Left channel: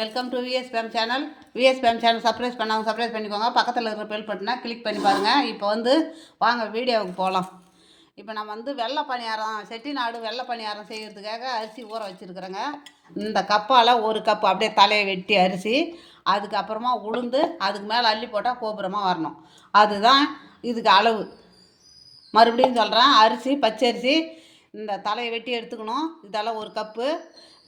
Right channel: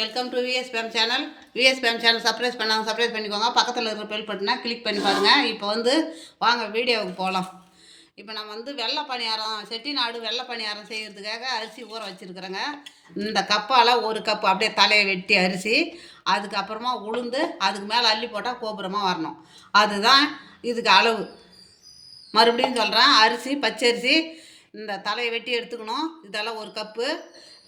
Welcome to VSBM channel. VSBM channel subscribe பண்ணாங்க, subscribe பண்ணிக்கோங்க. பக்கத்தில் இருக்கிற பெல் பட்டனை கிளிக் பண்ணி பாருங்கள். இப்போ வாங்க வீடியோவுக்கு போகலாம். இப்போ நம்ம வெள்ளை பணியாரம், செட்டிநாடு வெள்ளை பணியாரம் செய்கிறதுக்காக அரிசி ஊற வச்சுருக்குறேங்க. இந்த கப்பால் ஒரு கப்பு அப்படியே தலையை வெட்டி அரிசி, அதுக்கப்புறமா உளுந்து, அதுக்கு மேலே அள்ளி போட்டால் கோபுரமாக வரணும். அதுதான் இதுக்கு அளவு. மறுபடியும் சொல்கிறேன், அரிசி பச்சரிசி இந்த தலையை வெட்டி எடுத்துக்கணும். இதெல்லாம் ஒரு கப்பு.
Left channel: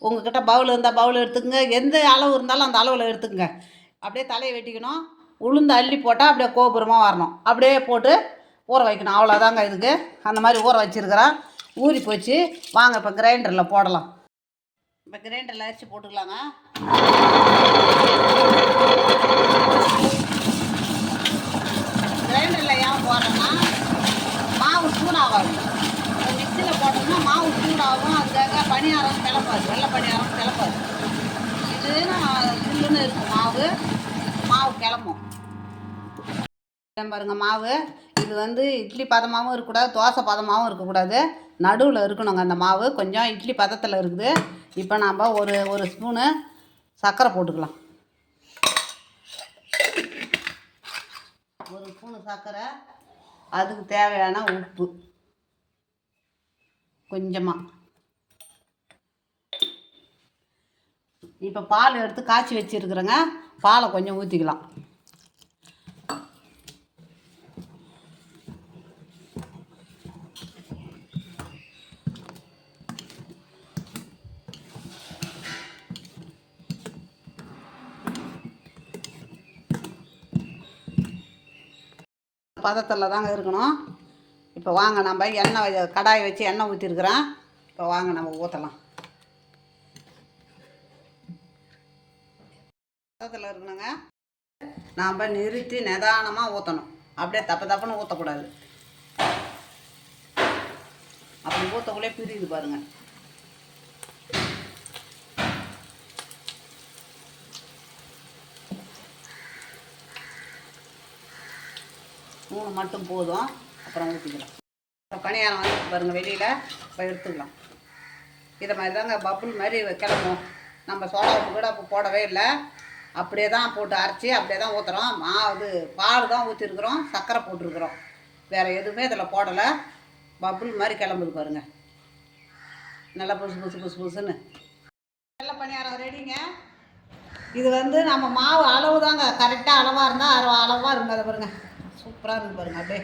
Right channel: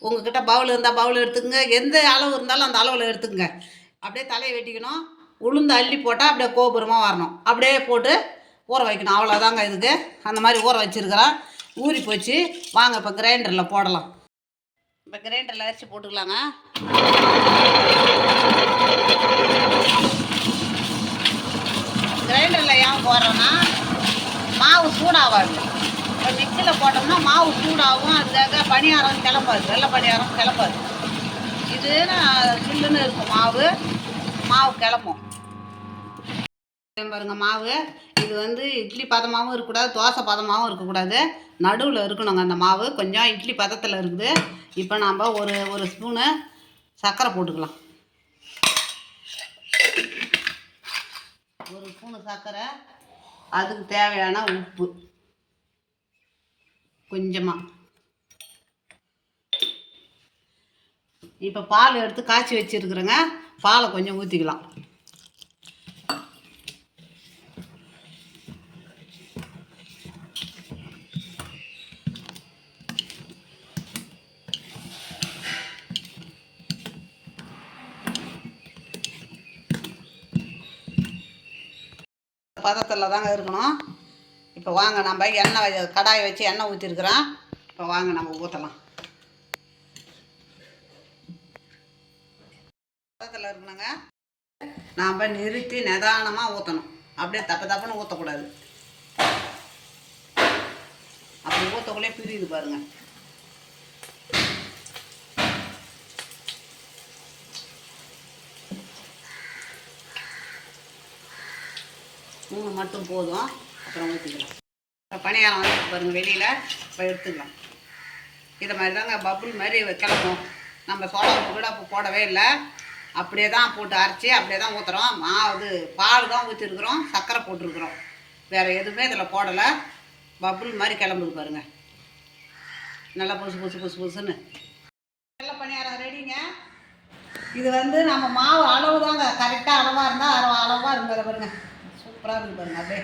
உங்கள்கிட்ட பவுல் இருந்தால் பவுல் எடுத்துக்கங்க, எந்த அளவு இருந்தாலும் அந்த அளவில் எடுத்துக்கங்க. அப்படியே தலையை வெட்டிக்கணும். உளுந்து அள்ளி போட்டால் அப்படியே கோபுரமாக வரணும். அப்படியே போட்டு ஊற வைக்கணும். அவ்வளோதாங்க இதுக்கு. அந்த மாதிரி ஊற வச்சுருக்கிறேன். ஊறி போச்சு. வாங்க இப்போ கிரைண்டரில் போடலாம். இப்போ கிரைண்டரில் அரிசி போட்டுக்கலாங்க. கிரைண்டரில் ஏன் போடுறோன்னா மாவு சூடாகாது. இப்போ மிக்சியில் போட்டோம்னா மாவு சூடாகும். அதுக்காக பணியாரம் கிளப்பாது, வெள்ளை பணியாரம் கிளப்பாது. இதுன்னா சில்லுன்னு இருக்கும் மாவு கிளம்பும். பாருங்கள் மாவு இது இட்லி பதமாகவும் இருக்கக்கூடாது, தோசை பதமாகவும் இருக்கக்கூடாது, நடுவில் இருக்கணுங்க. அந்த மாவு கொஞ்சம் இட்லி பதத்தில் இருக்குது. இப்போ நாம் ஒரு ஸ்பூனு சர்க்கரை போட்டுக்கலாம். ஒரு ஸ்பூனு சர்க்கரை, அதுக்கு தேவையான உப்பு கொஞ்சமாக. இப்போ பால் எடுத்து காய்ச்சி வச்சுருக்குறேங்க. பாலை கொஞ்சம் ஊற்றிக்கலாம். பதத்தில் தாங்க இருக்கணும். இப்போ வாங்க நம்ம எண்ணெய் கடாயை வச்சு எண்ணெய் ஊற்றிருக்கிறேன். இப்போ வாங்க நம்ம ஊற்றலாம். பதத்தில் இருக்கணுங்க. நாம் நிறுத்தி நிதானமாக ஊற்றணும். அப்படியே தப்புன்னு ஊற்றக்கூடாது. அப்படி ஊற்றக்குள்ளே பிரியுது பாருங்கள். மூணு மட்டும் போதும், அப்புறம் ஊற்றிக்கலாம். இப்போ பணியாரம் வந்து பாருங்கள் வெளியில். இப்போ எடுத்துக்கலாம். இதை மாதிரி தாங்க பப்புள் மாதிரி கிளம்பும். நம்ம சோடா கூட இப்போ போடவே இல்லை, அப்படியே தான் போட்டு அரைச்சி அப்படியே தான் ஊற்றுறோம். பால் தான் ஊற்றிருக்குறோம், சர்க்கரை போட்டிருக்குறோம், வேறு எதுவுமே இதில் போடலை. பப்புள் மாதிரி கிளம்புது பாருங்கள். நல்லா புதுசுன்னு வெள்ளை பணியாரம் ரெடிங்க. இது நம்ம மாவு அளவு தாங்க, கரெக்டாக அளவாக இருந்தால் அளவாக இருங்க. அதை பாருங்கள், சூப்பராக இருக்குது பாருங்கள். அப்படியே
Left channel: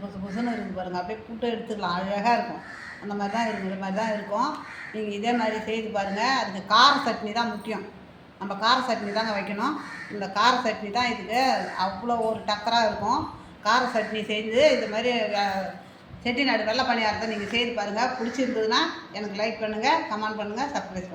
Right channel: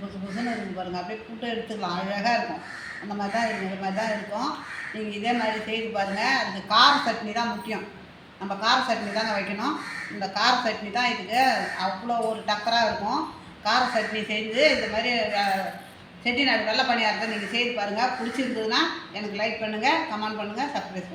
புதுசுன்னு இருக்குது பாருங்கள். அப்படியே புட்டு எடுத்துக்கலாம், அழகாக இருக்கும். அந்த மாதிரி தான் இருக்கும், இந்த மாதிரி தான் இருக்கும். நீங்கள் இதே மாதிரி செய்து பாருங்கள். அதுக்கு கார சட்னி தான் முக்கியம். நம்ம கார சட்னி தாங்க வைக்கணும். இந்த கார சட்னி தான் இதுக்கு அவ்வளோ ஒரு டக்கராக இருக்கும். கார சட்னி செய்து இந்த மாதிரி செட்டிநாடு வெள்ளை பணியாரத்தை நீங்கள் செய்து பாருங்கள். பிடிச்சிருந்ததுன்னா எனக்கு லைக் பண்ணுங்கள், கமெண்ட் பண்ணுங்கள், சப்ஸ்கிரைப் பண்ணுங்கள்.